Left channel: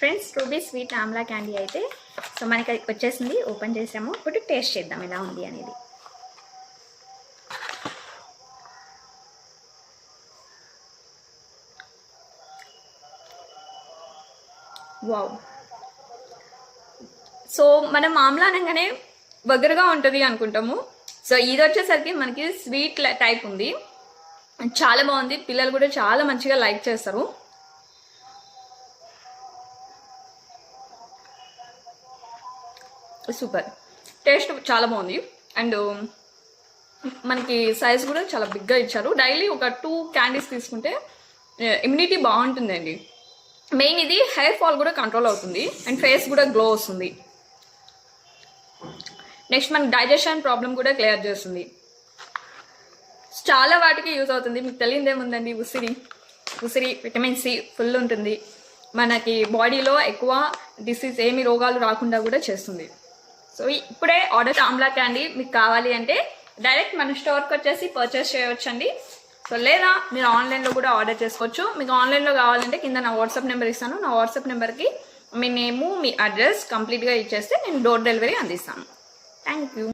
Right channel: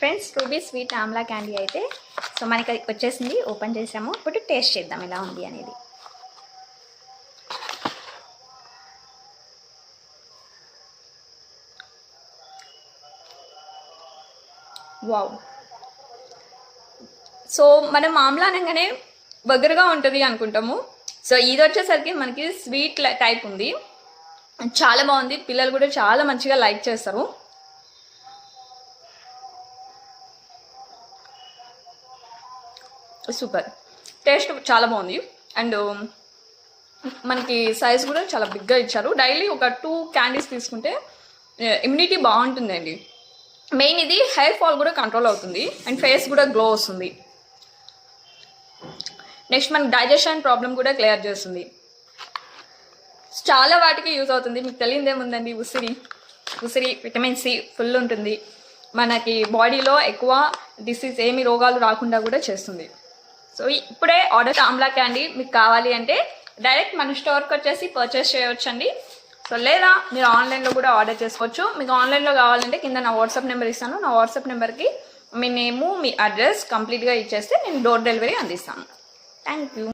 Friends ruby sweet Amla candy అయితే so మనకి వచ్చేసింది. ఓపెన్ చేసాము. ఇప్పుడు టేస్ట్ చేద్దాం ఎలా ఉంది అనేది. వావ్. సో మనం ఆమ్లా అనగానే బగ్గరగా ఉంటుంది అనుకుంటాము. సో ఇది వచ్చేసరికి మనకి స్వీట్ టైప్ ఉంది. చాలా బాగుంది. పిల్లలు కూడా చాలా మంచిగా లైక్ చేస్తారు. సూపర్. టేస్ట్ చాలా బాగుంది. అండ్ మనకి సైజ్ కూడా చాలా బిగ్గా ఇచ్చారు. డైలీ ఒక 2 క్యాండీస్ తీసుకుంటే ఇమ్యూనిటీ బాగుంటుందండి. మెయిన్ ఇది హెయిర్ ఫాల్ కూడా కంట్రోల్ అవుతుంది అండ్ ఫేస్ కూడా గ్లో వస్తుంది. నెక్స్ట్ మన డైజెషన్ ప్రాబ్లం కూడా క్లియర్ చేస్తుంది. చాలా వాటికి యూజ్ అవుతుంది. మీకు తెలియదేముందండి, ఉసిరి విటమిన్ సి ఫుల్ ఉంటుంది. మనకి బాడీలో ఎక్కువ డిసీజ్ ఏమి రోగాలు రాకుండా కూడా చేస్తుంది. సో ఇప్పుడే ఆర్డర్ ఆమ్లా క్యాండీ మీకు కావాలి అంటే డైరెక్ట్ మన స్టోర్కి వచ్చేసి పర్చేస్ చేయవచ్చండి. సో లేదా మీరు ఆన్లైన్లో కూడా ఆర్డర్ చేసుకోవచ్చు. మీకు ఆన్లైన్లో కావాలంటే కింద నా వాట్సాప్ నెంబర్ ఇస్తాను. నా వాట్సాప్ నెంబర్కి మీ నేము మీ అడ్రస్ కంప్లీట్గా ఇచ్చేస్తే నేను డోర్ డెలివరీ అందిస్తాను. Thank you.